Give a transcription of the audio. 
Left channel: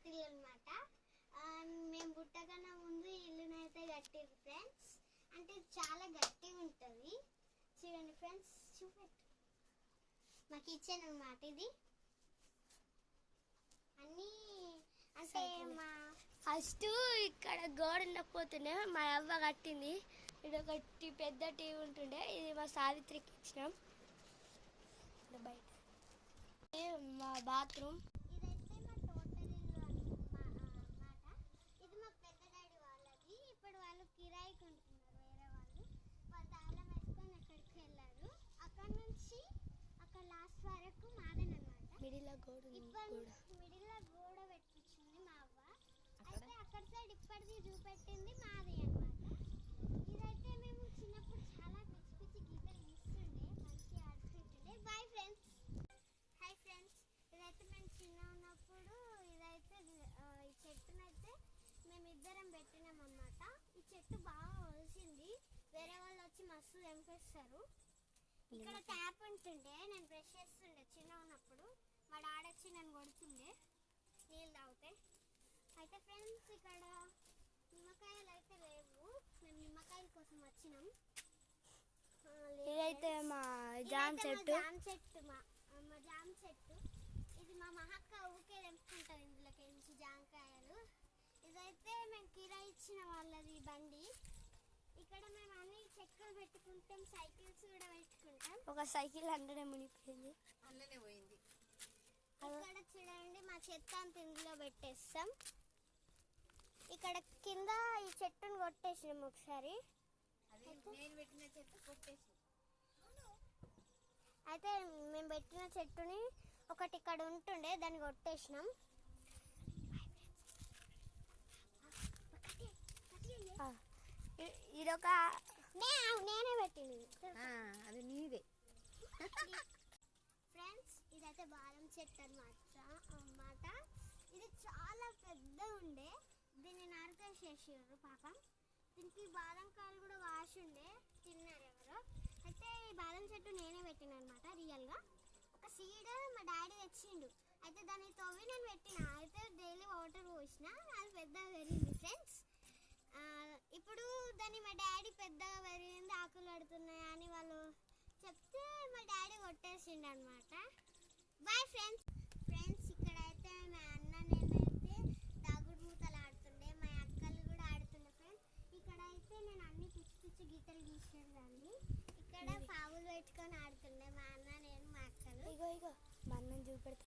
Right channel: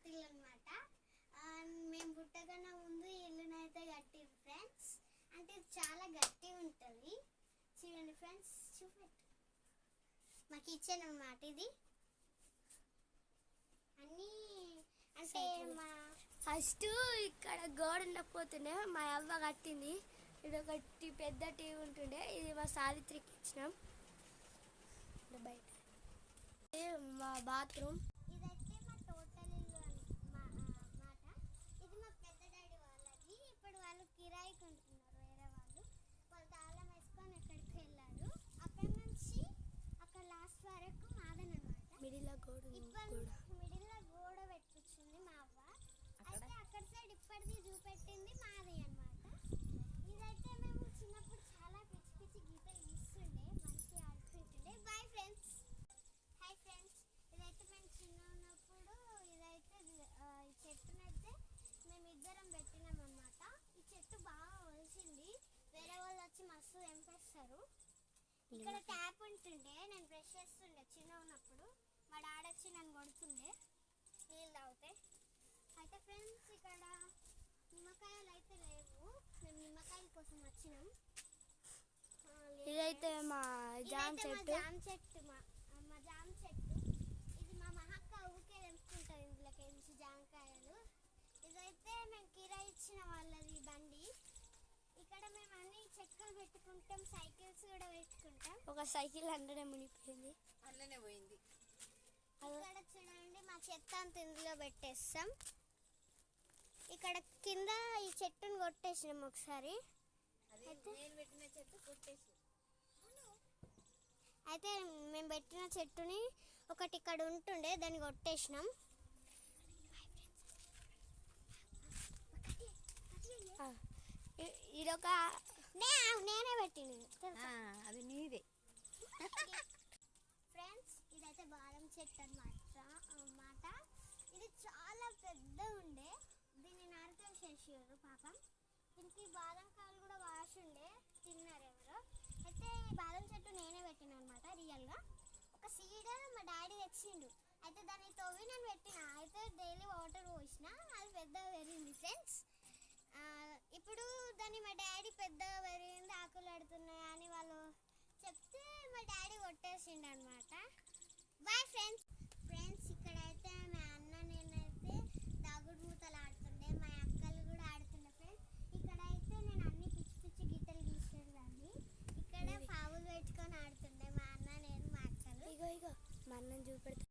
పాత ఇల్లు అనమాట. మేము పుట్టకన్నా ముందు ఇల్లునైతే కట్టిరు ఫ్రెండ్స్. అంటే చాలా గట్టిగా ఉంటుంది. చూడండి ఫ్రెండ్స్, చూపెట్టు. మా కిచెన్ అన్నమాట ఇది. అన్నీ అంటే మా ఫస్ట్ ఇక్కడ గోడ ఉండకపోతుండే మా అవ్వ కట్టింది. ఇది ఒకటి పెద్ద టీవీ ఉంటుండే, ఇది మా సావిత్రికి ఇచ్చినాం. బయట మా బాత్రూమ్. ఇదైతే మా టోటల్ ఇల్లు అన్నమాట. ఇది మా పెద్ద డాడీ వాళ్ళది. ఇప్పుడు వాళ్ళు కిరాయికి ఉంటున్నారు. వేరే వాళ్ళు తాళం వేసుకొని ఎక్కడికి వెళ్ళారు. అక్కడ నుంచి అక్కడ లాస్ట్ వరకు మాదనమాట. మిడిల్ గోడ గోడ పెట్టించింది మా అవ్వ. అయితే అక్కడ సైడ్ ఇప్పటిది చూపెట్టింది మాది అన్నమాట. ఇదైతే మేము చిన్నప్పుడు చాలా పిచ్చి పిచ్చి గీతలు గీస్తుండే, మంచిగా ఆడుతుండే. Bye friends. Hi friends. ఇదైతే మేము చిన్న ఉన్నప్పుడు ఇదైతే ఈ చెట్టునైతే మేము ఇద్దరం పెట్టినాం అన్నమాట. ఈ చెట్టు బాగా వలిసింది. వేరే వాళ్ళు వచ్చి మస్తు తెంపేస్తారు. ఇక్కడ ట్యాప్ ఉంటుండే, నేను బ్రష్ చేస్తుండే చిన్న ఉన్నప్పుడు. మా డాడీ వచ్చి నన్ను కొడుతుండే నీళ్ళు తాగితే. అయితే ఫ్రెండ్స్ ఇక్కడ నిమ్మకాయలు అయితే లేవు. మేము నిమ్మకాయల కోసం వచ్చినాం. ఇదైతే మా జామ చెట్టు. మా జామ చెట్టు ఇది. మా మహక్క ఊరికే తెంపుకుంటాం ఇందులోకి నుంచి జామకాయలు. ఇదైతే మేము కిరాయి ఇచ్చిన వాళ్ళది బండి. ఇక్కడ మేము అన్ని చెక్కలు పెట్టుకుంటాం, సైకిల్స్ కూడా పెట్టుకుంటాం. ఒక సైకిల్ అందులోనే మునిగిపోయింది, అందులోనే పోయింది. ఇక్కడ చూడండి మా చెత్త అంత ఇందులో పెట్టేస్తాం. ఇక్కడ కింద ఈ చెట్టును కొట్టేసినాం ఒకసారి. నేను పెట్టిన చెట్టు కొట్టేసి అయితే మేము పెట్టిన చెట్టుని ఒకటి ఇక్కడ ఉంటుండే, దాన్ని కొట్టేసినాం. ఇదొక నేనే పెట్టిన అది నీదే ఫ్రెండ్స్. ఇదైతే బాదం చెట్టు అన్నమాట. ఇది చాలా పెద్ద ఉండే, దీన్ని నరికేసేసారు పాపం. దీనికి బాదం కాయలు కూడా వాసి ఉండే, తిన్నారు ఎవరో. అయితే ఈ బాదం చెట్టు నేనే పెట్టిన అనమాట. రియల్గా ఒక సీడ్ మా డాడీ తెచ్చిండు. అయితే దాన్ని తవ్వి నేను పెట్టిన. అయితే డైలీ వాటర్ పోసిన, అది పెద్దగా పెరిగింది ఫ్రెండ్స్. ఇప్పుడు దాన్ని మా డాడీ పెద్దగా పెరిగింది, ఆకులు ఆడుతున్నాయి అని వాళ్ళు చెప్తే మా డాడీ కొట్టేసిండు అనమాట. Bye friends. ఇక్కడ అయితే మా అన్న నేనైతే దాగుడు మూతలు ఆడుతుండే, మా అక్కలు కూడా ఆడుతుండే ఫ్రెండ్స్. ఇక్కడ అయితే నేను అన్ని పిచ్చి పిచ్చి గీతలు గీసేదాన్ని. ఇక్కడ పావులు పెట్టుకొని ఆడుతుండే మా అన్న, నేను, మా అక్కలు. ఇగో మా అన్నని చూపెడతా.